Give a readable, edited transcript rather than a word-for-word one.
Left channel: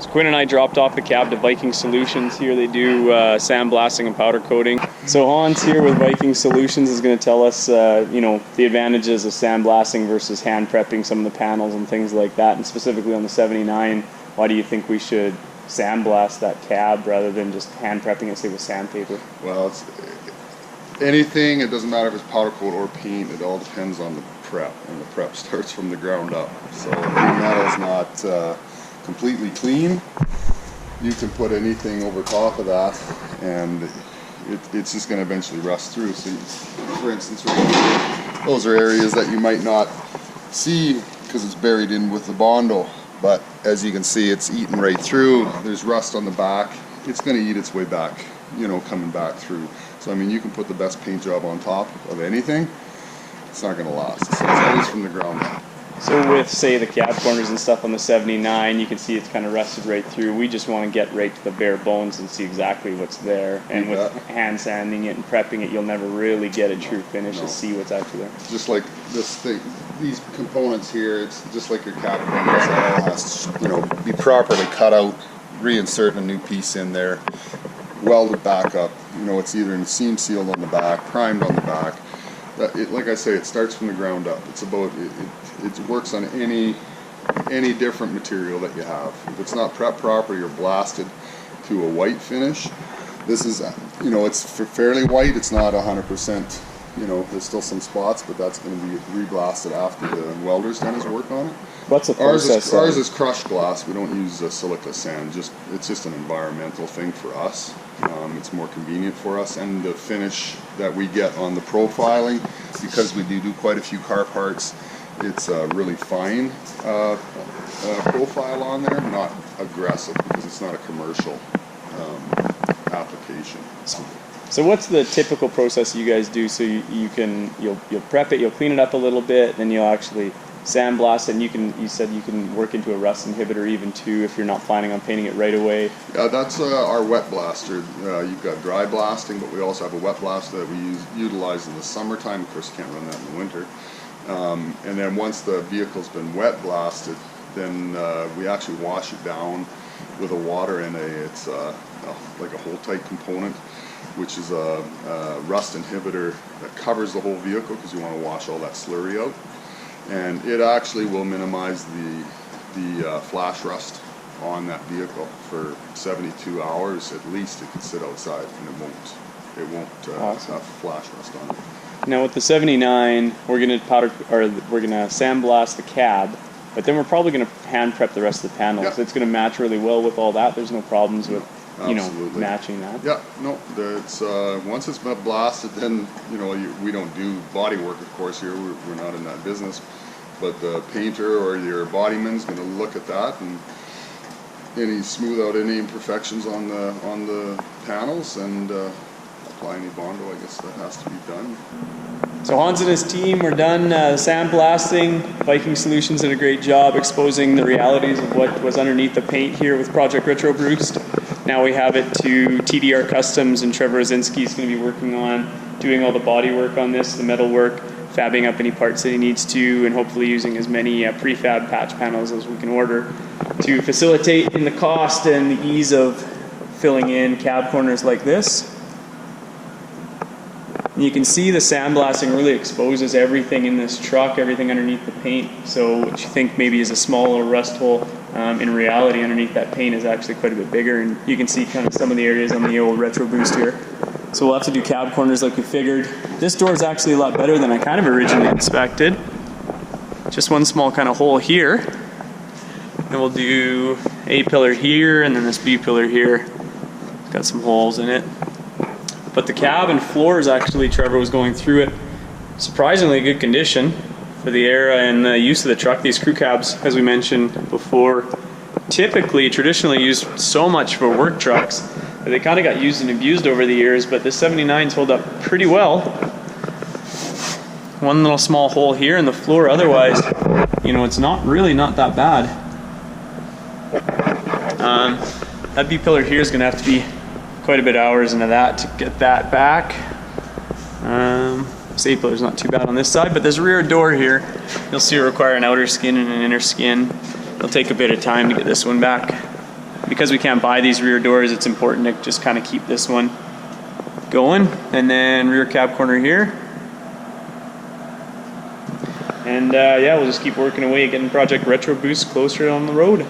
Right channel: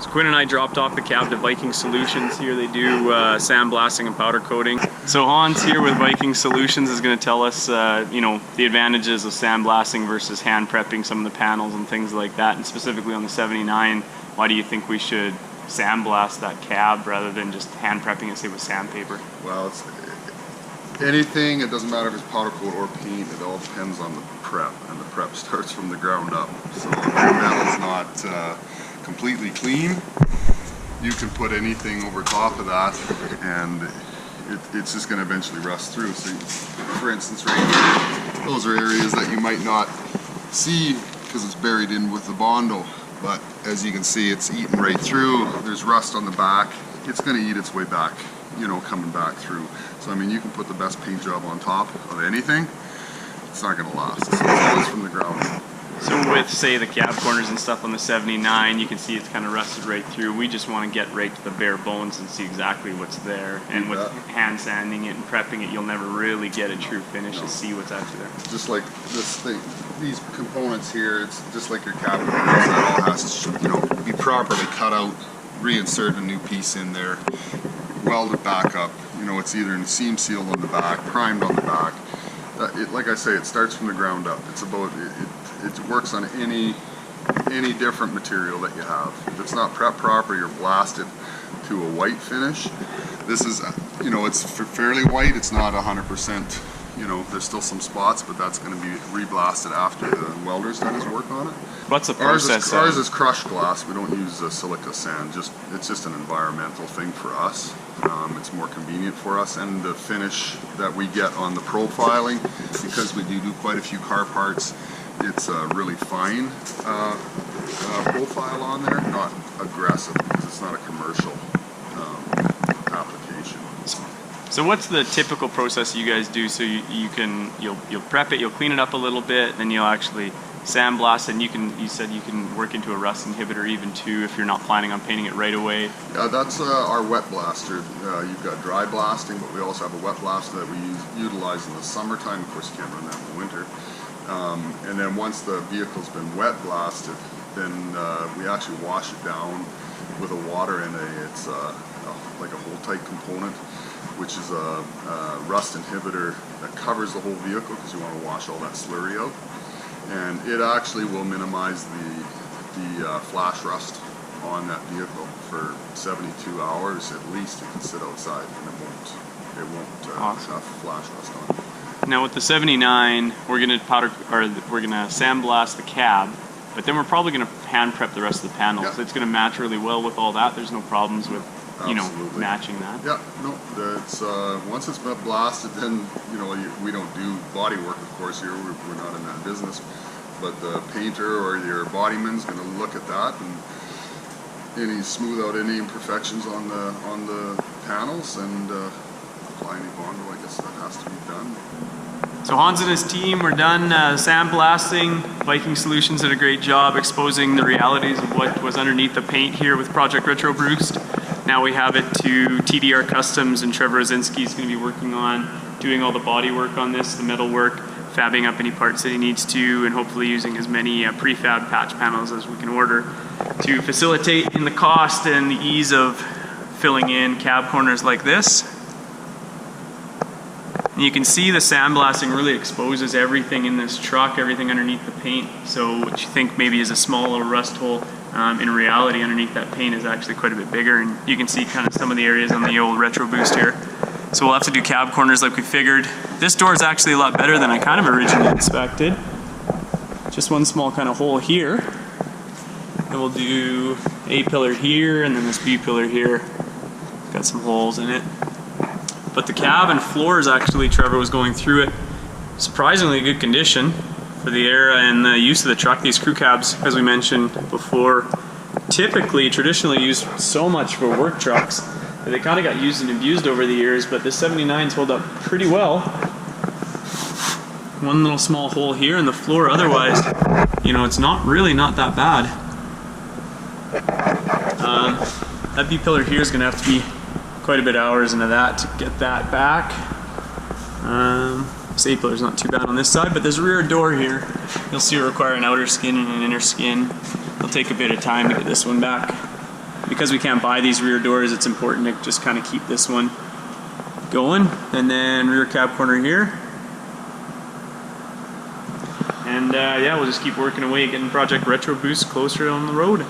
So Quinn and I dropped off the cab to Viking Solutions. Here they do sandblasting and powder coating. So Hans here with Viking Solutions is going to tell us, you know, the advantages of sandblasting versus hand prepping some of the panels and things like that. And specifically on the 79, why do you think we should sandblast that cab rather than just hand prepping it, say, with sandpaper? Well, it's anything. It doesn't matter if it's powder coat or paint. It all depends on the prep, and the prep starts from the ground up. So if your metal's not completely clean, you can put anything over top of that and it's just going to eventually rust through. So for instance, right here, those are areas that you might not see because it's buried in with the Bondo, but as you can see, it's eaten right through. There's rust on the back. It's going to eat its way back, you know, coming back through. So I mean, you can put the best paint job on top of anything, it's not going to last. So it's always from the ground up. So with, say, the cab corners and stuff on the 79, you can see it's kind of rusted right through. We just want to get right to the bare bones and see exactly what's there. And with hand sanding it and prepping it, you'll never really get a true finish to see what's actually there. Just like this thing, these components here, it's just like your cab corners. That all has to, you know, be properly cut out, reinsert a new piece in there, weld it back up. You know, it's either in seam sealed on the back, primed on the back. Like I say, it starts from the ground up. It's about it works on any different material that you have. If it's not prepped properly or blasted to a white finish, this is, you know, it's fairly white. It's not 100%. You know, there's still some spots, but that's going to be reblasted after the welder's done his work on it. What's the process? Ours is crushed glass. We don't use silica sand. It's just an environmental thing for us. It's more convenient for us, and the finish that we get on the profiling, because we do quite a few car parts, it's a really fine profile on there, not aggressive, because it's not a commercial application. So what's the typical process you guys do? So you'll prep it, you'll clean it up a little bit, then you'll actually sandblast it, and you said you can work into a rust inhibitor even too if you're not planning on painting it right away. Yeah, that's our wet blaster. You've got dry blasting, but we also have a wet blaster that we utilize in the summertime. Of course, you can't run that in the winter. And then once the vehicle's been wet blasted, then we actually wash it down with a water and it's like a hold-tight component, which is a rust inhibitor that covers the whole vehicle because you want to wash all that slurry out. And it actually will minimize the flash rust on that vehicle for 72 hours at least. It can sit outside and it won't awesome. have flash rust on it. Now with the 79, we're gonna sandblast the cab, but then we're probably gonna hand prep the rest of the panels. Yep. It's gonna match really well with all that. There's no problems with Absolutely. matching that. Yeah, no, it's once it's been blasted, then we don't do body work, of course. Here we're not in that business, but the painter or your bodyman's going to look at that and smooth out any imperfections on the panels and apply any Bondo. I guess that has to be done. So Hans and his team were done sandblasting. Viking Solutions did a great job exposing the realities of what was underneath the paint here with Project RETROBOOST. Now we have it to TDR Customs, and Trevor Osinski is going to be working on doing all the body work on this, the metal work, fabbing up any parts that he needs to, and hopefully using as many prefab patch panels as we can order to facilitate in the cost and the ease of filling in cab corners like this. And you can see the sandblasting really exposes everything in this truck, everything underneath the paint. So what you think maybe is a small little rust hole, in reality underneath that paint is actually quite a bit bigger, and you can see kind of some of the areas on the old RETROBOOST here. So we'll have to do cab corners like we figured. This door is actually a lot better than I kind of originally expected. Just one small kind of hole here. And we'll do A pillar here, and then this B pillar here. It's got some holes in it. But the cab and floors, actually, Trevor was going through it, surprisingly good condition for the era and the use of the truck. These crew cabs, as we mentioned before, traditionally used so much for work trucks that they kind of got used and abused over the years, but this 79's hold up pretty well. One little small hole here in the floor, otherwise, it's not that bad. That B pillar here is going to have to be quite a bit of hours into that to get that back. This A pillar is not too bad on this side, but this rear door here, you'll see, will require an outer skin and an inner skin. It'll take a bit of time to get this one back. because we can't buy these rear doors, it's important to just kind of keep this one going. And then rear cab corner here. And yeah, we'll just keep working away, getting Project RETROBOOST closer on the road.